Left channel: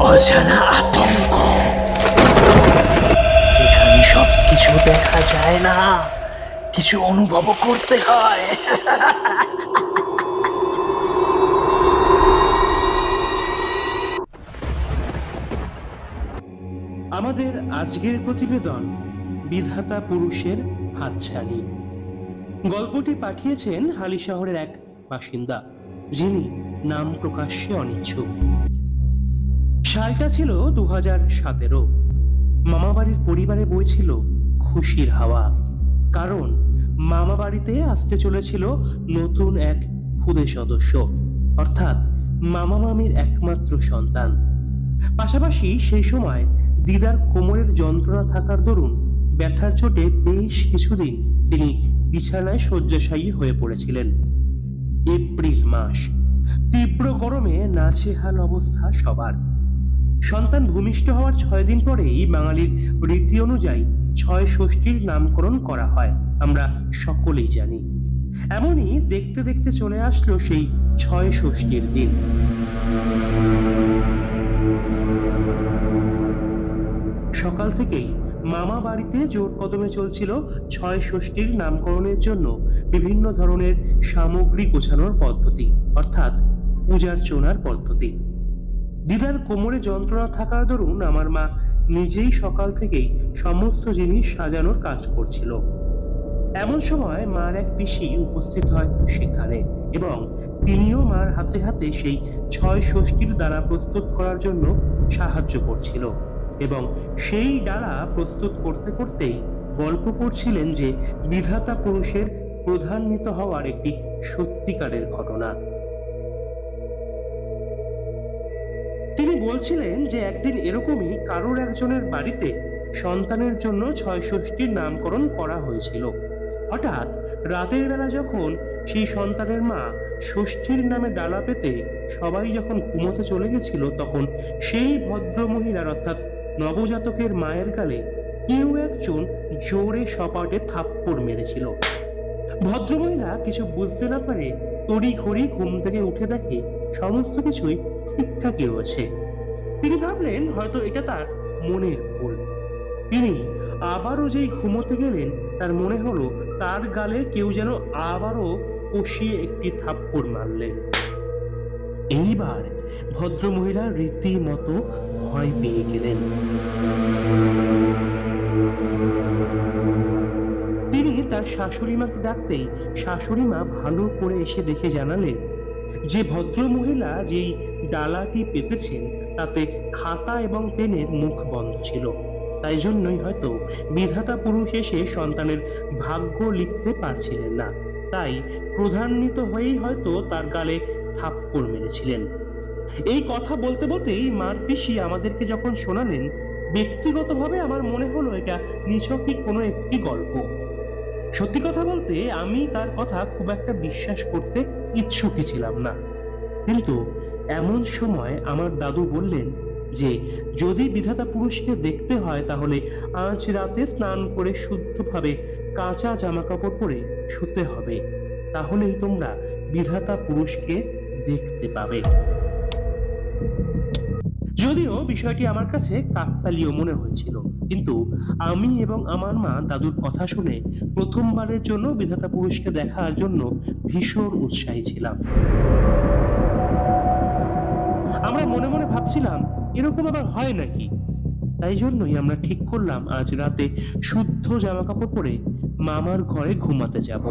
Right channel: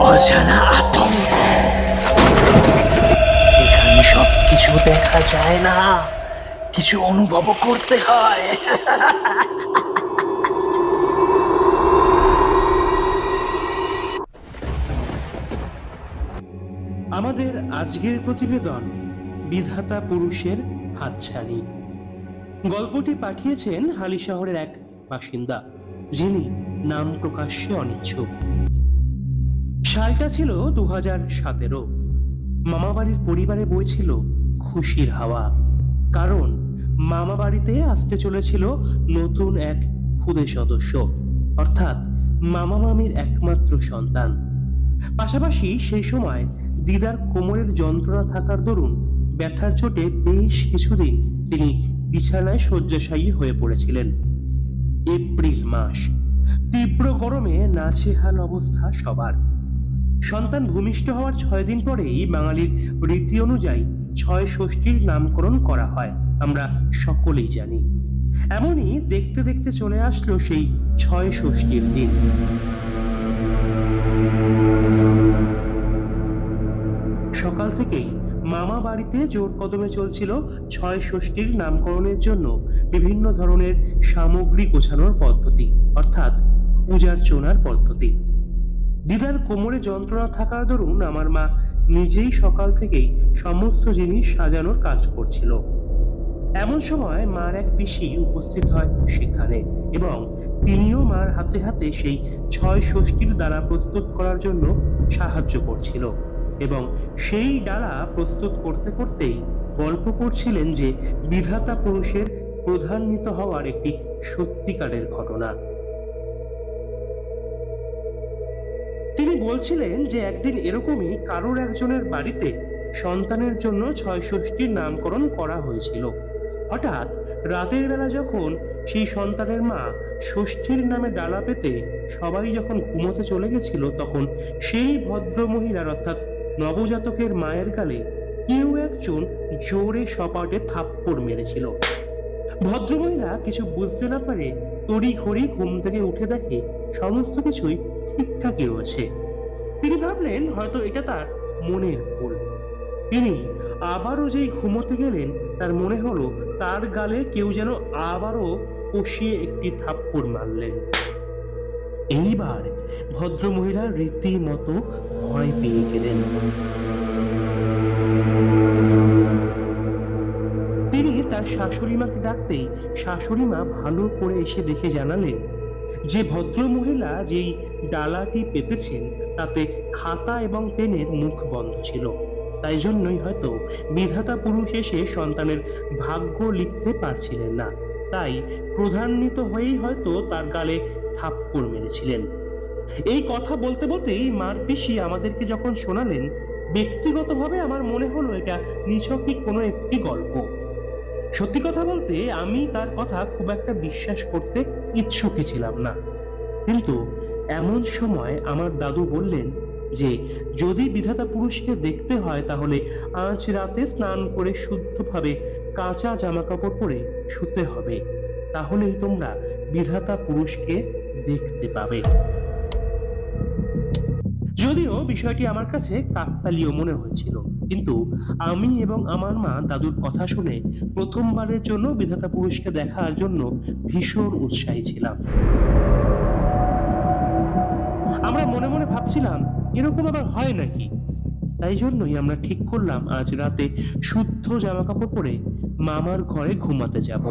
অজানা আতঙ্ক। এখানে সব কিছু দেখা যায় না। কিছু অনুভব করতে হয়। আমাদের আজকের প্রতিবেদন বিধাতা পুরুষের হাতছানি। গল্পটি পাঠিয়েছেন হালি শহরের এক বাসিন্দা, যিনি নাম প্রকাশ্যে অনিচ্ছুক। সালটা ছিল দু হাজার সতেরো। মামাবাড়ির পরিবারে বইছিল খুশির হাওয়া। কারণ মামা বাড়িতে আসতে চলেছিল নতুন এক খুদে সদস্য, অর্থাৎ মামা মামির একমাত্র সন্তান। পাশাপাশি সেই সময় দিদার কোমরের যন্ত্রণা থাকার দরুন ব্যথার চোটে বেশ কিছুদিন তিনি বিছানায় শয্যাশায়ী হয়ে পড়েছিলেন। এপ্রিল মাস, তীব্র গরমে নাচেহাল অবস্থা সবার। সন্তান ভূমিষ্ঠ হওয়ার ছয় দিন পরেই বাঙালির রীতি অনুযায়ী ছয় ষষ্ঠীর নামকরণ করা হয়। আমরা সকলেই জানি। এমনই দেখতে দেখতে চলে আসলো সেই ছয় ষষ্ঠীর দিন। সকাল থেকেই মামা বাড়িতে জোর কদমে চলছিল ছয় ষষ্ঠীর নামকরণের জন্য বিভিন্ন ধরনের সামগ্রী গোছানোর পদ্ধতি, অর্থাৎ পূজার্চনার পদ্ধতি। দিদার কোমরে যন্ত্রণা থাকার দরুন আমার মা নিজেই সকাল থেকেই সমস্ত জিনিস সাজানোর কাজ করছিল। এমন সময় মার এক পিসি উপস্থিত হয় সেখানে এবং তিনিও মার হাতে হাতে সেই ছয় ষষ্ঠীর দ্বারা প্রস্তুত করার জন্য সাহায্য করছিল এবং সেই ডালা প্রস্তুত করতে করতেই গল্প করছিলেন যে বিধাতা পুরুষের প্রধান্বিত হওয়ার একটি সত্যিকারের ঘটনা। তিনি বলছিলেন যে একদিন এরকমই কারোর একজনের বাড়িতে সন্তানের জন্য ছয় ষষ্ঠীর নামকরণ করা হয়েছিল। হঠাৎ রাতের বেলা যখন সেই সন্তানের মা ষষ্ঠীর নামে ডালা পেতে সবাই যখন ঘুমোতে চলে গেছিল, তখন সেই ভদ্র মহিলার অর্থাৎ নবজাতকের মায়ের গালে কেউ একজন জোরে সপাটে থাপ্পড় মেরেছিল। ভদ্রমহিলা কিছু বুঝতে না পারে তড়ি ঘড়ি ঘুম থেকে উঠে দেখে সমস্ত কিছুই ঠিকঠাকই রয়েছে। তিনি ভাবলেন হয়তো এটা তার মনের ভুল। তিনি আবারও যেই ঘুমোতে গেলেন, তার মনে হলো তার গালে কেউ যেন আবারও কষিয়ে একটি থাপ্পড় মারলেন। এইবার ভদ্রমহিলা রীতিমতো ভয় পেয়ে গেলেন। তিনি তার শাশুড়ি মাকে ডাকতেই শাশুড়ি মা ভালো করে এসে দেখে জানালেন যে ভদ্র মহিলা যেই ডালাটি পেতেছেন, তাতে খাতা এবং পেনের মুখ বন্ধ ছিল। তাই জন্যই হয়তো বিধাতা পুরুষ এসে সন্তানের ভাগ্য লিখতে পারছিলেন না। তাই প্রধান্বিত হয়েই হয়তো তার গালে থাপ্পড় মেরেছিলেন। এই কথা বলতে বলতেই মার পিসি আমাদেরকে যখন শোনালেন, ব্যক্তিগতভাবে আমার মনে হলো এটা নিছকই কোনো একটি গল্প। সত্যি কথা বলতে আমি তার কথা খুব একটা বিশ্বাস করতে ইচ্ছুকই ছিলাম না। কিন্তু এমন সময় আমার দাদু বললেন যে, যদি বিধাতা পুরুষকে দেখতে হয়, তাহলে আজ রাতে স্নান করে শুদ্ধভাবে কাঁচা জামা কাপড় পরে শুতে হবে। তাহলেই তোমরা বিধাতা পুরুষকে দেখতে পাবে। যদিও বিষয়টি আমার কাছে কাকতালীয় মনে হয়েছিল, কিন্তু আমি এবং আমার মা দাদুর কথা শুনে প্রথমবারের জন্য বিধাতা পুরুষকে দেখার জন্য ভীষণ উৎসাহী ছিলাম। আমরা মনে মনে ভাবছিলাম, এরকম আবার হয় নাকি? তাই জন্যই আমরা ঠিক করলাম আজ রাতে শুদ্ধ জামা কাপড় পরে মামার ঘরে ঘুমাতে যাব।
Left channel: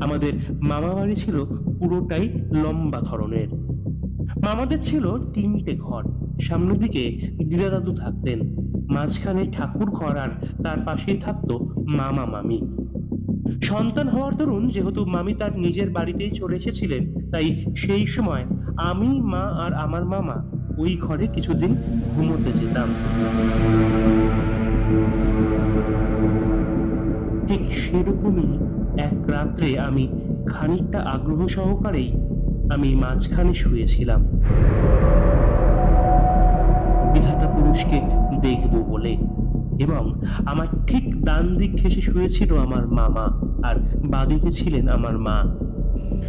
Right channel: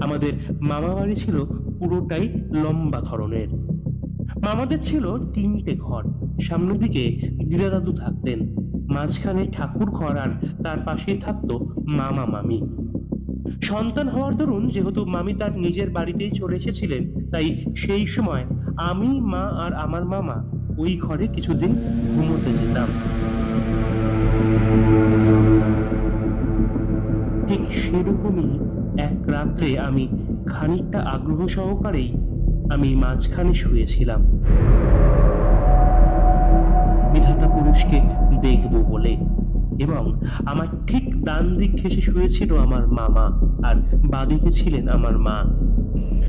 আমাদের মামা বাড়ি ছিল পুরোটাই লম্বা ধরনের। মামাদের ছিল তিনটে ঘর। সামনের দিকে দিদা দাদু থাকতেন। মাঝখানে ঠাকুর ঘর আর তার পাশেই থাকতো মামা মামি। সন্তান হওয়ার দরুন যেহেতু মামি তার নিজের বাড়িতেই চলে এসেছিলেন, তাই সেই সময় আমি, মা আর আমার মামা ওই ঘরে কিছুদিন ঘুমোতে যেতাম। ঠিক সেরকমই এক রাত্রে আমি খানিকটা আগ্রহ সহকারেই আমি মাঝখানে শুয়েছিলাম। বিধাতা পুরুষকে দেখব বলে এবং আমার ঠিক ডান দিক ঘেসে শুয়েছিল আমার মামা আর বাদিকে ছিলেন আমার মা।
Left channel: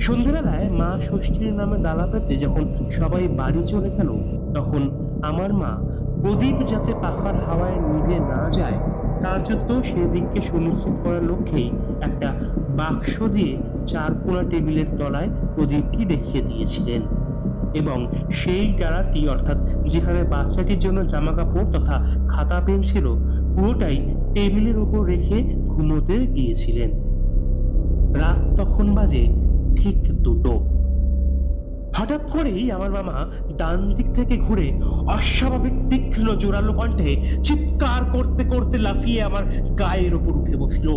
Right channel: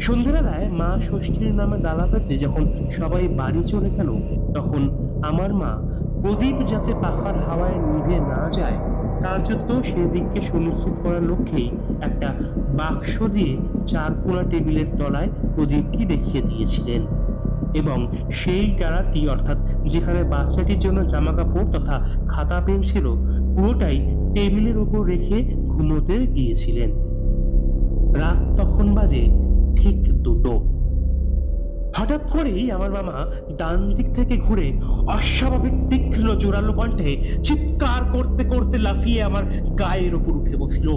সন্ধ্যেবেলায় মা ষষ্ঠীর নামে ডালা পেতে যখন সবাই বাড়ি চলে গেল, তখন আমার মা প্রদীপ যাতে পাখার হাওয়ায় নিভে না যায় জন্য সেদিককে সুনিশ্চিত করার লক্ষ্যেই একটা বাক্স দিয়ে চারকোনা টেবিলের তলায় প্রদীপটি দেখিয়ে দিয়েছিলেন। এবং সেই ডালাটি, অর্থাৎ যেখানে বাচ্চাটির জন্য জামা কাপড় তথা খাতা, পেন ছিল, পুরোটাই টেবিলের ওপর রেখে ঘুমোতে গিয়েছিলেন। রাত তখন বাজে ঠিক দুটো। হঠাৎ করেই আমার মামা ডান দিক থেকে ঘুরে অস্বাভাবিক তীক্ষ্ণ জোরালো কণ্ঠে চিৎকার করতে করতে লাফিয়ে আমার গায়ের ওপর উঠে বসল।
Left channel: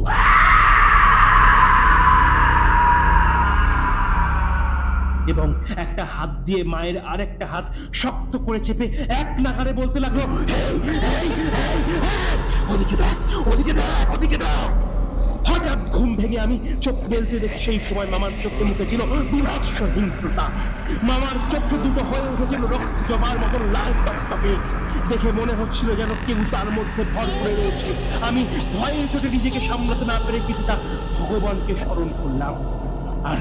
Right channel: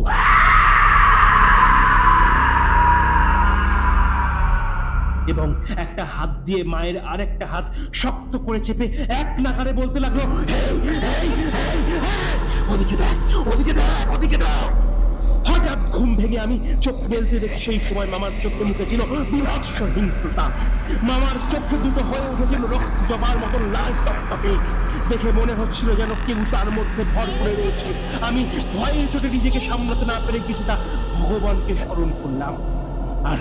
এবং একটা হাত দিয়ে মায়ের আরেকটা হাত শক্ত করে চেপে এক নাগারে বলতে লাগল "হেই, হেই, হেই, হেই, ওদিকে দেখ ওদিকে দেখ ওদিকে দেখ। ভেঙে আমি চোখ মেলতে দেখি সেই সময় মামার চোখে মুখে ছিল বিভৎস হিংস্রতা। মামার চোখে দুটো হয়ে উঠেছিল রক্ত জবার মতন লাল টকটকে। দেখে মনে হচ্ছিল যেন কেউ তার মধ্যে ভর করে রয়েছে। আমি ভয়ের চোটে নিজেকে সামলাতে না পেরে কিছুটা ভগবানকে স্মরণ করলাম। আর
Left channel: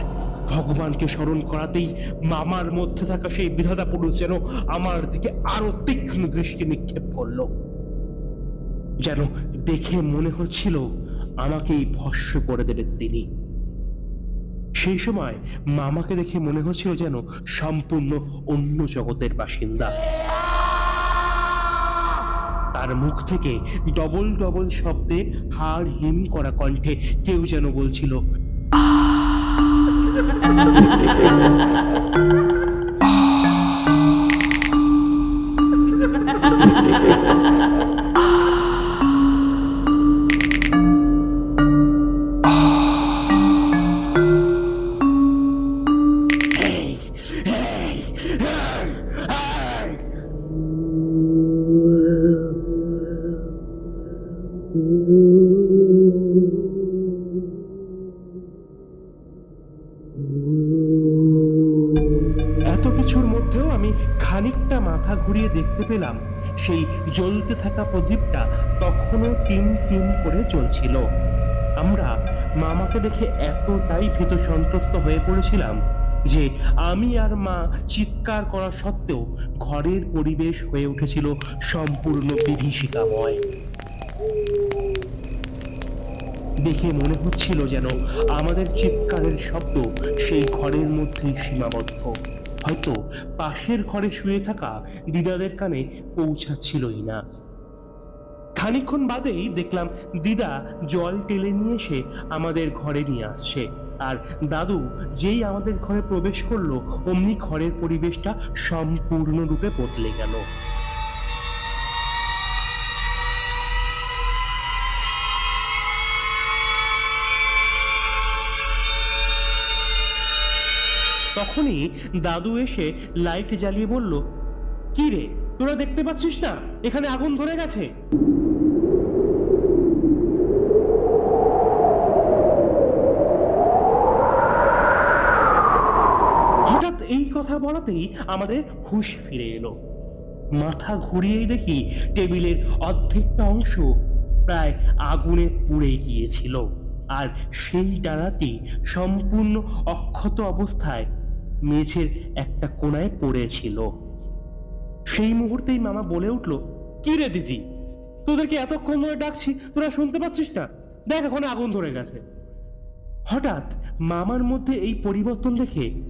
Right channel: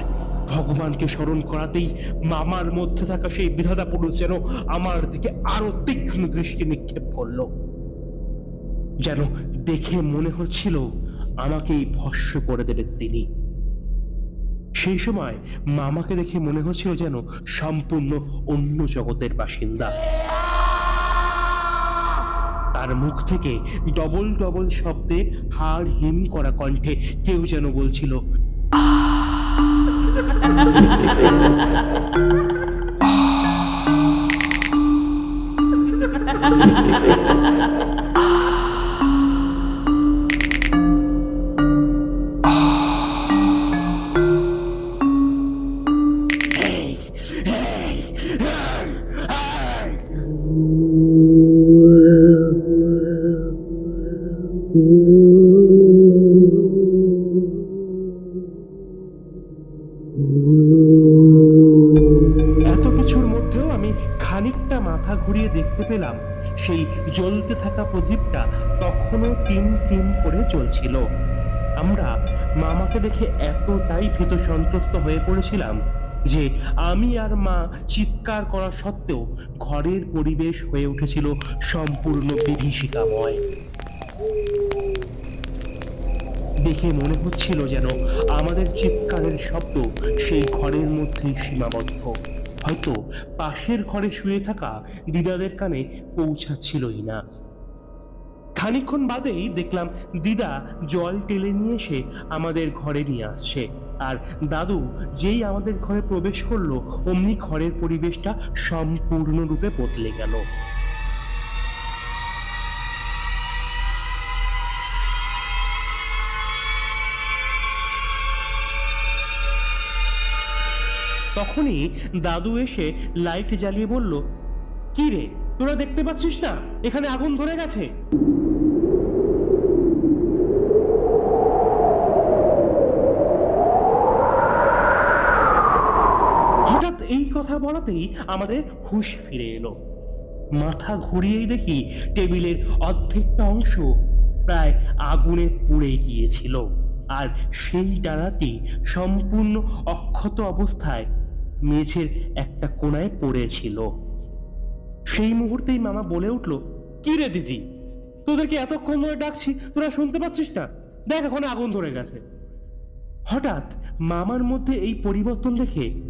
ভগবানকে স্মরণ করাতেই মামার মধ্যে থাকা সেই বিধাতা পুরুষ যেন আমার দিকে আরও তীক্ষ্ণ দৃষ্টি নিক্ষেপ করল। যেন দেখে মনে হচ্ছিল আমাকেই ভস্য করে দেবেন তিনি। সেই সময় মামাকে দেখে মনে হচ্ছিল যেন সম্পূর্ণ অন্য জগতের বাসিন্দা। তার মুখ থেকে ডবল ডবল শব্দে হাড় হিম করা কণ্ঠে কেউ যেন বলছিল খানিকটা মাথা ঘুরিয়ে দেখতে পেলাম, সেই জ্বলতে থাকা প্রদীপটা তখনও টিম টিম করে চলছিল আমরা মামাকে দেখে এতটাই ভীত সন্ত্রস্ত হয়ে পড়েছিলাম যে আমি আর মা চিৎকার করা সত্ত্বেও ঘরের পরিবেশ হয়ে উঠেছিল সম্পূর্ণ বিভীষিকাময়। দেখে মনে হচ্ছিল যেন আমাদের চিৎকারের শব্দ সেই ঘরের মধ্যেই সীমাবদ্ধ। হয়তো পাশের ঘরে শুয়ে থাকা দিদাদের কানে পৌঁছাচ্ছিলই না। খানিক্ষণ বাদেই দেখলাম দিদা জল টেলে নিয়ে এসে আমাদের ঘরে নিয়ে আসছে। আর দাদু যেই আমাদের ঘরে প্রবেশ করল, অমনি ঘরের পরিবেশটা সম্পূর্ণরূপে বদলে গেল। তখনই দাদু এসে লাইট জ্বালিয়ে বলল, কি রে, তোরা দেখতে পাচ্ছিস না? এখানে আগুন ধরে গেছে। হঠাৎ এই কথা বলাতেই আমাদের হুঁশ ফিরে এলো। মাথা ঘুরিয়েই দেখি টেবিলের অর্ধেকটা অংশ প্রায় আগুনে পুড়ে গিয়েছিল, আর সেই ডানাটি সম্পূর্ণ অক্ষত অবস্থায় মেঝের একটা কোণায় পড়েছিল। সেই মুহূর্তেই মামা বলে উঠল, কি রে দিদি? তোদেরকে এতক্ষণ ধরে ডাকছি, তোরা শুনতে পাচ্ছিস না? দেখ এখন আগুন ধরে গেছে। হঠাৎ মামার মধ্যে এই পরিবর্তন দেখে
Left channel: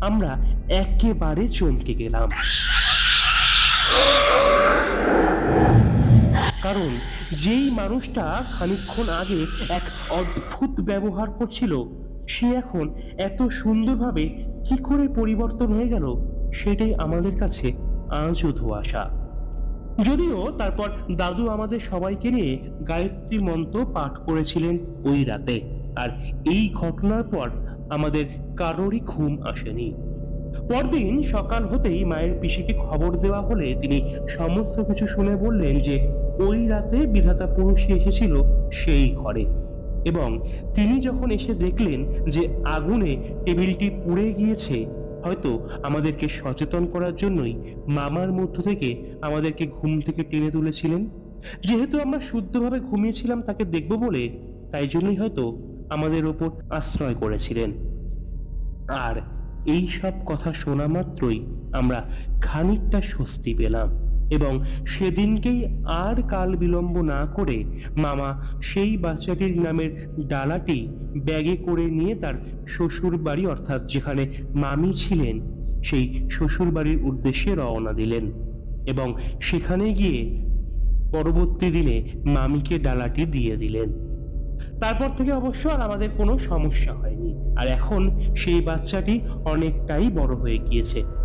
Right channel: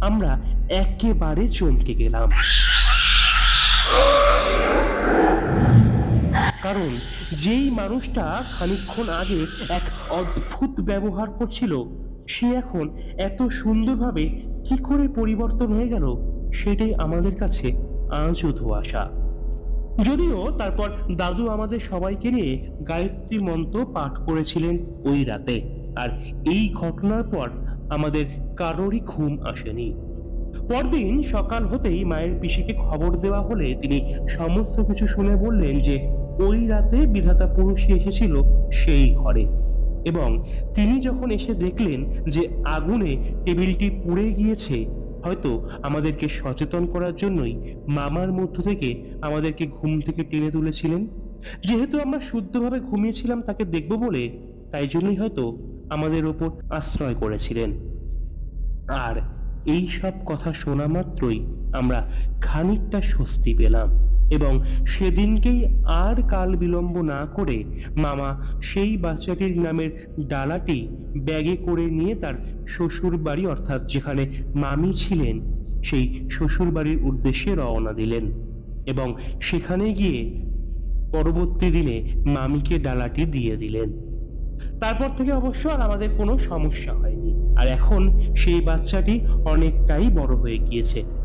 আমরা একেবারে চমকে গেলাম। কারণ যেই মানুষটা খানিকক্ষণ আগে এক অদ্ভুত ব্যবহার করছিল, সে এখন এত সুন্দরভাবে কি করে পরিবর্তন হয়ে গেল সেটাই আমাদের কাছে আজও ধোয়াশা। যদিও তারপর দাদু আমাদের সবাইকে নিয়ে গায়ত্রী মন্ত্র পাঠ করেছিলেন ওই রাতে, আর এই ঘটনার পর আমাদের কারোরই ঘুম আসেনি। পরদিন সকাল হতেই মায়ের পিসিকে খবর দেওয়া হলে তিনি সমস্ত কিছু শুনে বললেন যে ওই রাতে বিধাতা পুরুষই এসেছিল সেই ঘরে। এবং তিনি যখন এসে দেখলেন যে আগুনে টেবিলটি পুড়ে গিয়েছে, হয়তো আমাদেরকে সচেতন করার জন্যই মামার মধ্য থেকে আমাদেরকে ঘুম থেকে টেনে তুলেছিলেন। যেহেতু আমরা শুদ্ধভাবে ঘুমিয়েছিলাম তাকে দেখব বলে, তাই জন্যই হয়তো আমাদের ওপর আশ্রয় করেছিলেন। আর এই সব কথা শোনা মাত্রই আমরা খানিকটা স্বস্তি পেলাম। এবং সেদিনকেই আর কাল বিলম্ব না করে মামা সেই বাচ্চাটির নামের ডালাটি ব্যাগে করে নিয়ে তার শ্বশুর বাড়ি অর্থাৎ যেখানে মামি ছিলেন, সেই শ্বশুর বাড়ির উদ্দেশ্যে রওনা দিলেন এবং সেখানে গিয়ে পরবর্তী দিনে মামিকে ডালাটি দিয়ে দিলেন। তারপর থেকে অবশ্য আর আমাদের কোনো সমস্যা হয়নি। আর এখন সেই বাচ্চাটি অনেকটাই বড় হয়ে গিয়েছে।